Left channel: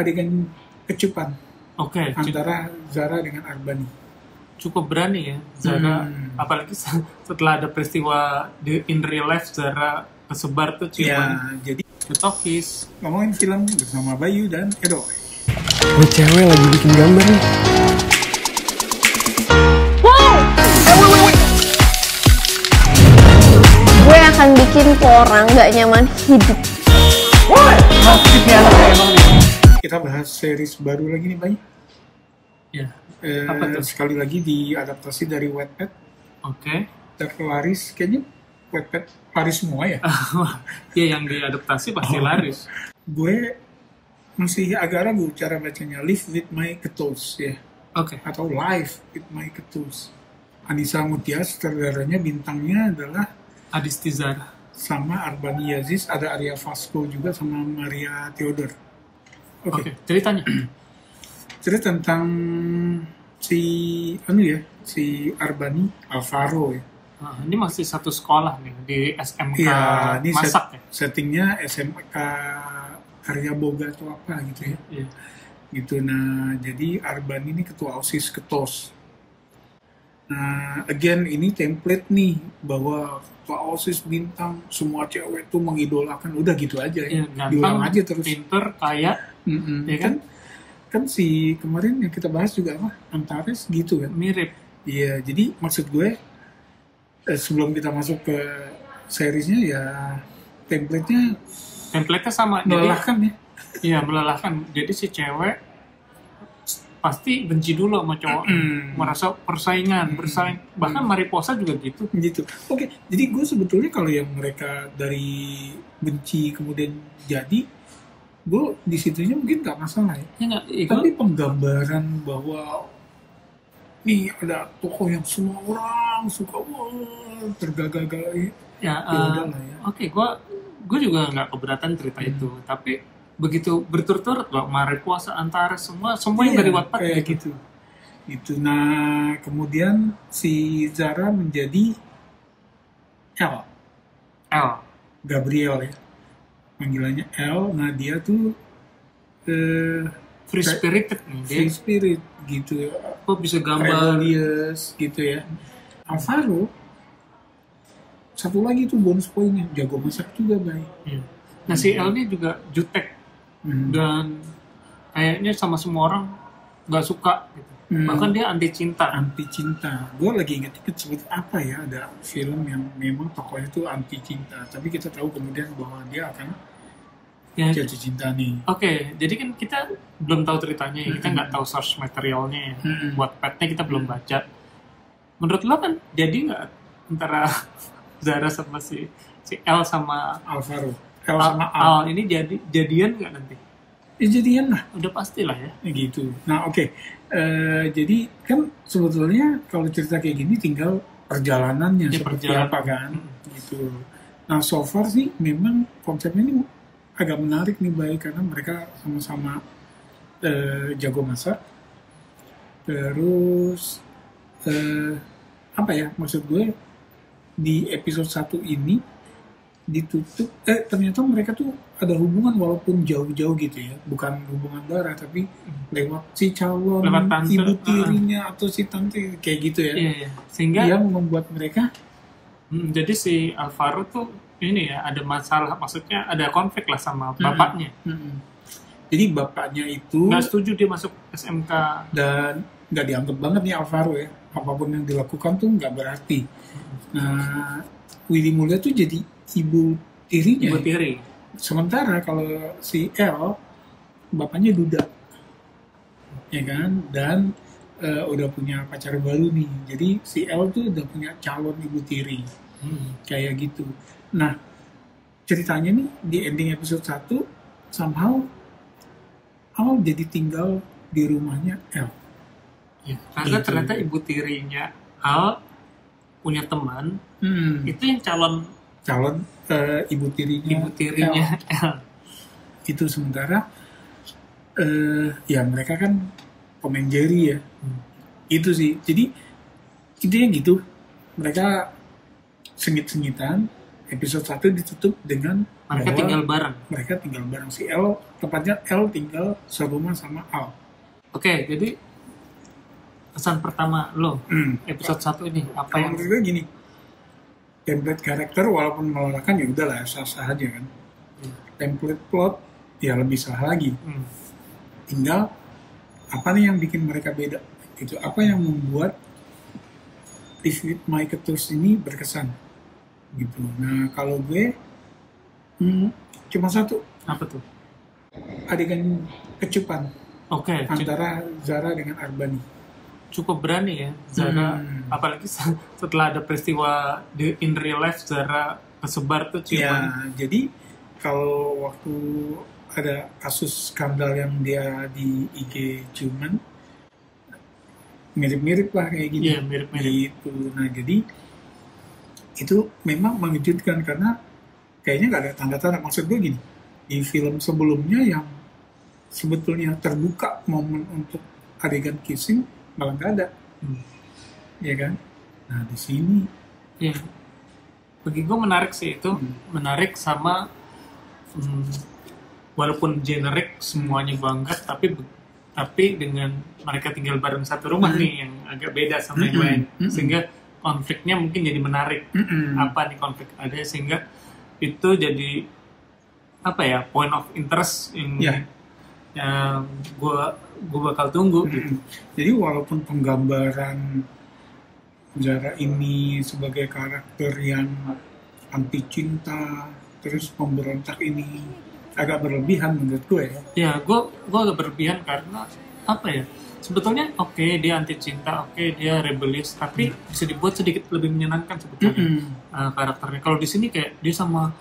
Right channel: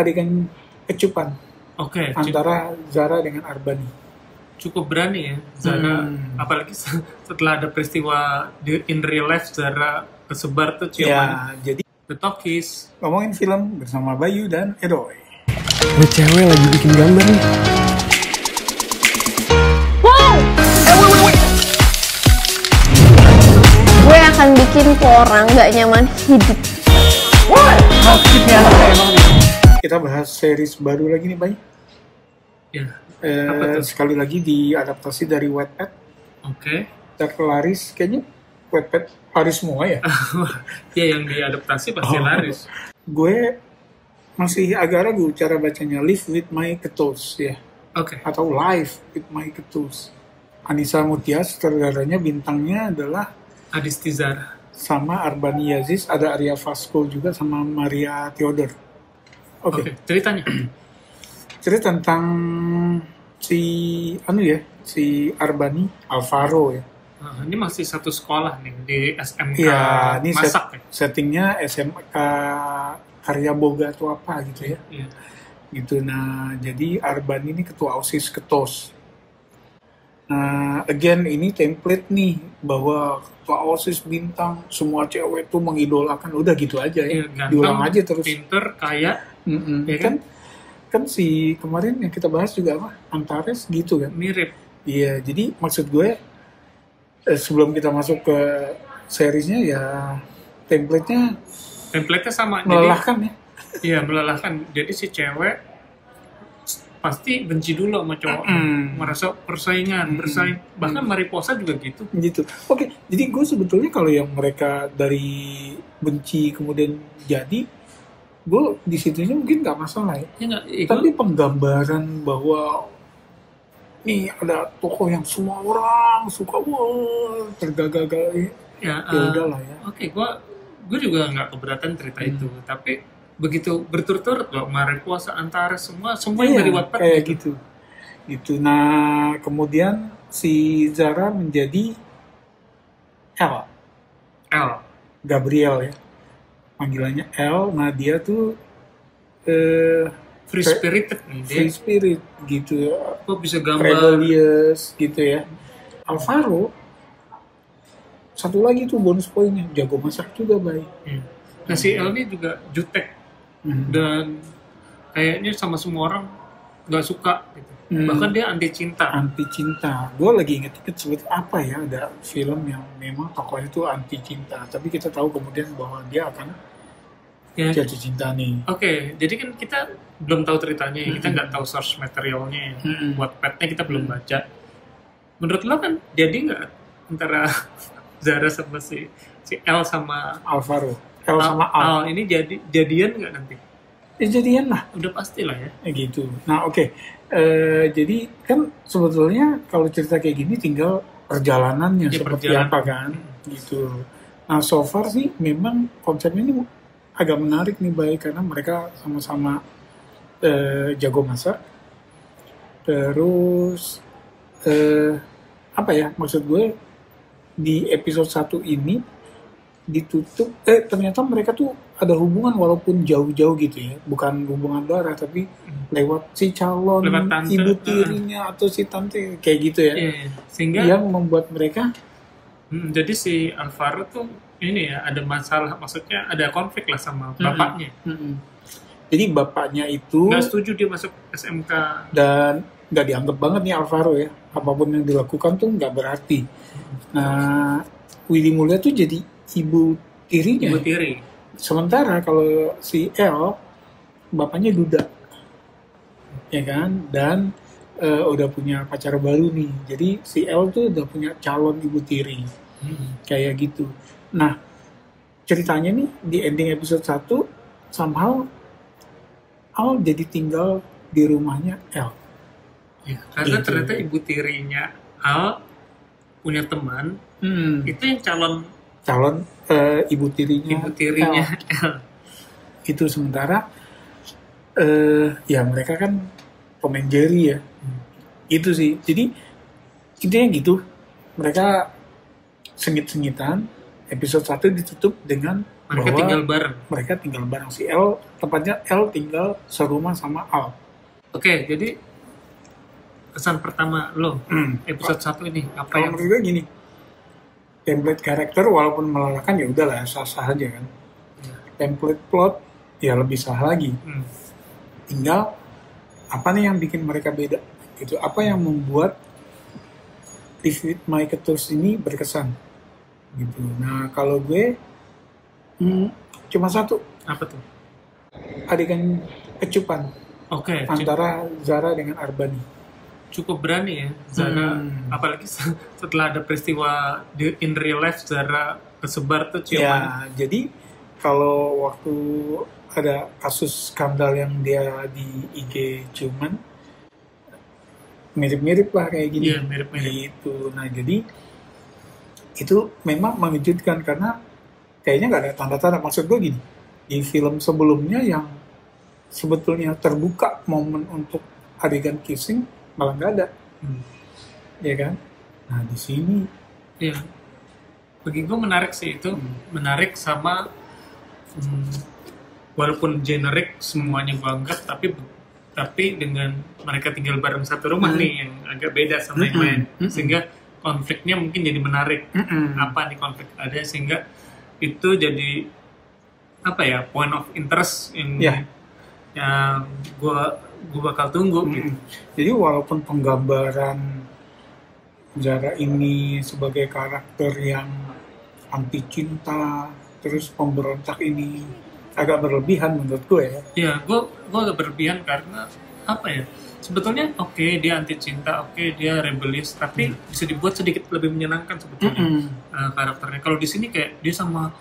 adegan kecupan Oke, antara Zara dengan Arbani. cukup berani ya Zara, apalagi setelah ada peristiwa in real life Zara kesebar tuh ciuman. Ya, jadi The Talkies. ngomongin film bersama Bayu dan Edoy. Gue cewek lagi bikin gambar nih. Gue akan bikin orang gak nyaman hidup. Kita bahas series baru lagi nih, Bay. Ya, apa tuh? Sekali lagi diadaptasi dari Wattpad. Oke. Terlaris, kayaknya Wattpad laris semua ya. Ya yang diadaptasi pasti laris. Gue masih agak ragu cara bacanya Live with My Ketuls ya, Oke. atau Live with My Ketuls. Anissa Mutia sutradaranya, bintangnya adalah Adisti Zara. sama Arbani Aziz, ada Arya Vasco juga sama Maria Theodor. Oke, ceritanya. Cerita tentang si Arbani Alvaro ya. Nah, ini masih satu sekolah nih di SMK Ya, ini Masak ya. settingnya SMK Karya Boga atau apa gitu ya. Iya. Gitu. Nah, jadi Arbani ini ketua OSIS Ketos. Nah, again ini template nih bahwa ketua OSIS bintang, semua cewek tuh mengidolakan, udah gitu aja ya. Iya, Diulang ganteng, aja terus. pinter, kaya, ya kan? Kan si kemarin yang kita bahas juga apa? Antares gitu kan. Mirip. Iya, jadi maksud gue sebelum kita masuk ke seriesnya ya template-nya sama. melelahkan ya. Iya, melelahkan. Jadi si cewek pasti benci dulu sama cowok, merasa persaingan, bersaing. Bahkan Mariposa juga gitu. Gitu. Oke, jadi gue sebetulnya kalau yang mereka dari benci kemudian jadi, gue di situnya mungkin nggak masalah ya. Ya nggak, Tapi penggambaran bahwa nih ada tokoh yang semua orang suka, wah tergagah-gagah ya, udahlah ya. Oke, gue juga nggak keberatan cerita itu, tapi begitu berturut-turut loh, Mariposa, Antares, semua yang dari Wattpad kayak gitu. Nah, kemudian si Zara menjadi L. Gabriel ya, panggilannya L. Nah, dia tuh Free spirited nih dia. free spirit gitu ya, Kok bisa gambar? rebellious gitu ya. Alvaro satu lagi tuh bonus poinnya, jago masak juga, Bay. Nah si L ini juga jutek dan kayaknya sama semua orang nggak suka gitu. Bahkan dia anti cinta. Anti cinta. Gue lagi inget-inget sebut apa ya, ada film yang memang tokohnya itu anti cinta, tapi kita tahu kemudian bahwa dia akan Ya. jatuh cinta nih. Oke, jadi kan kita belum tahu ceritanya, kita nggak tahu source materialnya, Wattpad-nya kita belum baca. Menurut lo kan jadi nggak antara Zara sama si L sama Alvaro, L sama Al. Al ini jadian nggak nanti? Jadian lah. Udah pastilah ya. Gitu. Nah, oke. Jadi kan sebetulnya kalau cerita kayak gini tinggal perjalanannya Ya, seperti perjalanan. apa kan, gitu. Nah, so far sih memang konsepnya ini agak menarik nih, baik, karena mereka sama-sama jago masak. Terus apa ya, maksud gue di episode 1 ini ditutup ternyata mereka tuh ada hubungan walaupun jauh-jauh gitu ya, bukan hubungan darah tapi lewat si calon Lewat tante, ibu tirinya atau si tante kayak gitu ya. Iya. Sehingga Yang membuat mereka jadi si Alvaro tuh ini ya ada masalah, maksudnya ada konflik lah sama bapaknya. Jadi bapaknya itu Nggak setuju dia masuk SMK. dan nggak dianggap banget nih Alvaro ya, apapun yang dilakukan tuh nggak berarti. Nah, Willy Mulia tuh jadi ibu tirinya. Ibu tiri. Sementara kalau si L, bapaknya duda, ya kan, dan udah punya pacar baru nih. Jadi si L tuh udah punya calon ibu tiri, kayak gitu. Nah, ceritanya nih di ending episode 1 somehow Al jadi tinggal di rumahnya L. Ya, karena Gitu. ternyata ibu tirinya Al punya teman, itu yang calon Ibu tirinya ibu tirinya L. Itu sementara ya mereka kan Tom and Jerry ya. Itu sih. Jadi intinya gitu. Mereka sengit-sengitan. Episode 1 ditutup dengan Mereka bahwa tinggal bareng. Mereka tinggal bareng. Si L, tepatnya L tinggal serumah sama Al. Oke, jadi kesan pertama lo episode 1 ini apa Kalau yang menurut gue gini, template karakter walaupun melelahkan ya udahlah sah-sah aja kan. Iya. Template plot ya lebih sah lagi. Tinggal apa nih yang bikin mereka beda? Itu apa yang membuat Live with My Ketus ini berkesan? Gitu. Nah kalau gue cuma satu, apa tuh? adegan kecupan Oke, antara Zara dengan Arbani. cukup berani ya Zara, apalagi setelah ada peristiwa in real life Zara kesebar tuh ciuman. Ya, jadi kalau waktu ada kasus skandal yang dia di IG ciuman, mirip-mirip lah kayak gini. Iya, mirip-mirip. Gitu. Nah, jadi itu memang mengejutkan karena kayaknya nggak ada tanda-tanda. Maksud gue gini, di film sebelumnya yang sebetulnya terbuka momen untuk adegan kissing malah nggak ada, ya kan? Nah di sini, Iya, bagi gue menarik sih itu, menarik sama walaupun generik semuanya gue anggap, tapi dengan mereka tinggal bareng satu rumah nih yang agak beda sama yang lain, sehingga konfliknya mungkin jadi menarik. Apa nih konflik ada sehingga itu jadi apa ya, point of interest yang gue bakal tunggu gitu. Jadi walaupun penggambaran Zara ini sebagai karakter yang anti cinta, terus pemberontak ini agak berlebihan menurut gue ya. Ya, gue agak berlebihan karena apa ya? Sebetulnya oke, dia anti cinta, oke, dia rebellious, tapi bisa dibuat sedikit lebih menyenangkan sebetulnya karakternya. Kalau di sini kayak dia sama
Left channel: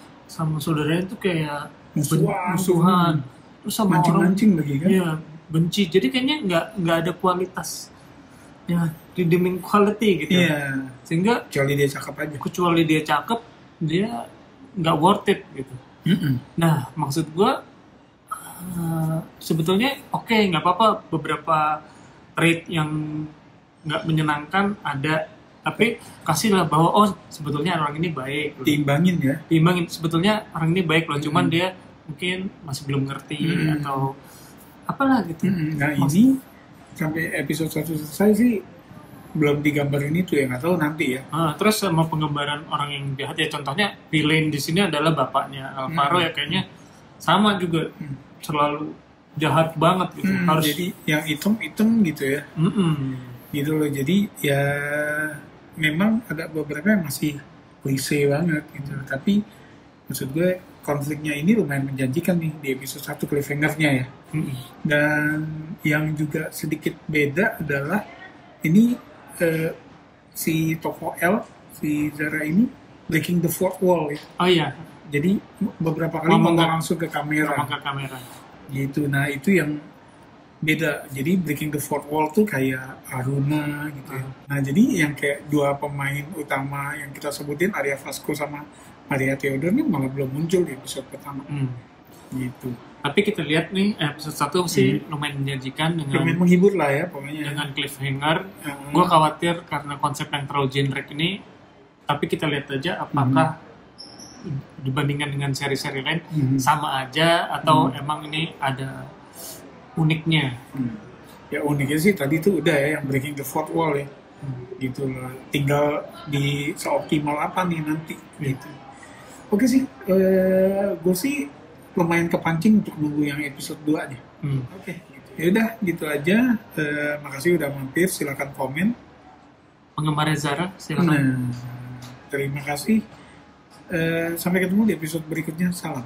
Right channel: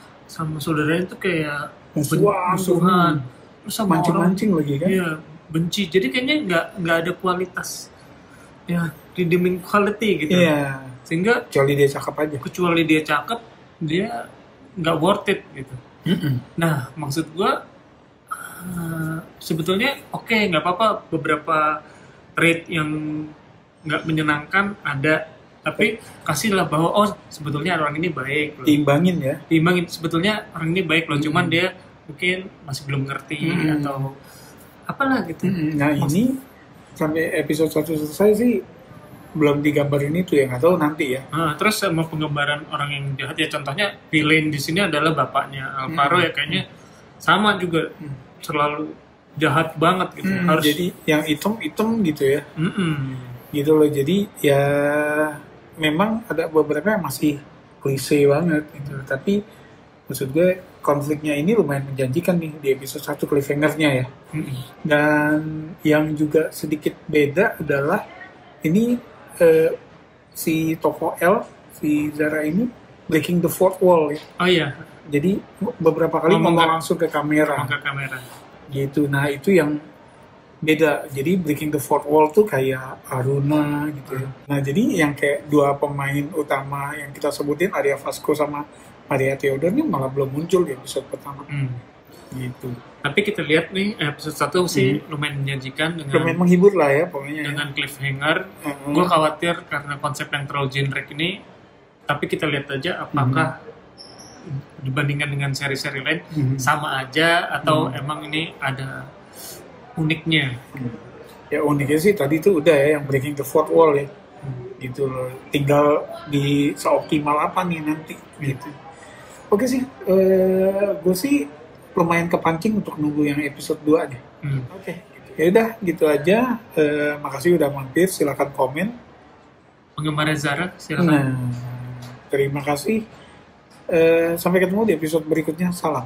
saudaranya itu kayak musuhan, terus sama mancing-mancing lagi kan? Iya, benci. Jadi kayaknya nggak ada kualitas, ya redeeming quality gitu. Iya. Sehingga Kecuali dia cakep aja. kecuali dia cakep, dia nggak worth it gitu. Nah, maksud gue sebetulnya oke, nggak apa-apa beberapa trait yang nggak menyenangkan ada, tapi kasihlah bahwa oh sebetulnya orang ini baik loh. Diimbangin sebetulnya orang ini baik loh, cuman dia mungkin masih belum ngerti atau apalah gitu. Nah ini sampai episode 1 selesai sih belum digambarin itu ya, nggak tahu nanti ya. Terus sama penggambaran orang yang jahat ya, contohnya villain di sini adalah bapaknya Alvaro ya, kayaknya sama juga selalu jahat banget gitu. Harus jadi yang hitam gitu ya. Gitu loh, jadi ya memang ada beberapa yang masih klise banget gitu. Tapi maksud gue konfliknya ini lumayan menjanjikan nih di episode 1 cliffhanger-nya ya. Dan yang juga sedikit beda adalah ini si tokoh L, si Zara ini breaking the fourth wall ya. Oh iya. Jadi beberapa kali ngomong langsung ke kamera. Gitu. Nah itu yang beda. Jadi breaking the fourth wall tuh kayak Aruna gitu. Nah jadi yang kayak dua pemain utama yang kita sebutin, Arya Vasco sama Maria Theodore ini malah belum muncul di episode pertama. Gitu. Tapi kita lihat nih episode 1 sih lumayan menjanjikan, lumayan menghibur lah ya pokoknya. Dengan cliffhanger. Gue khawatir karena konsep yang terlalu generic ini. Tapi kita lihat aja apakah dibandingkan dengan seri-seri lain sama aja atau emang ini ada uniknya. Ya uniknya sih tadi tuh udah ya yang breaking the fourth wall ya. Gitu loh. Tinggal di seoptimal apa nih nanti gitu. Oke sih, gue sih lumayan kepancing untuk nunggu yang episode 2 deh. Oke. Ya udah gitu aja. Makasih udah mampir, silakan komen. Penggemar Zara silakan. Terima kasih. Sampai ketemu di episode berikutnya. Salam.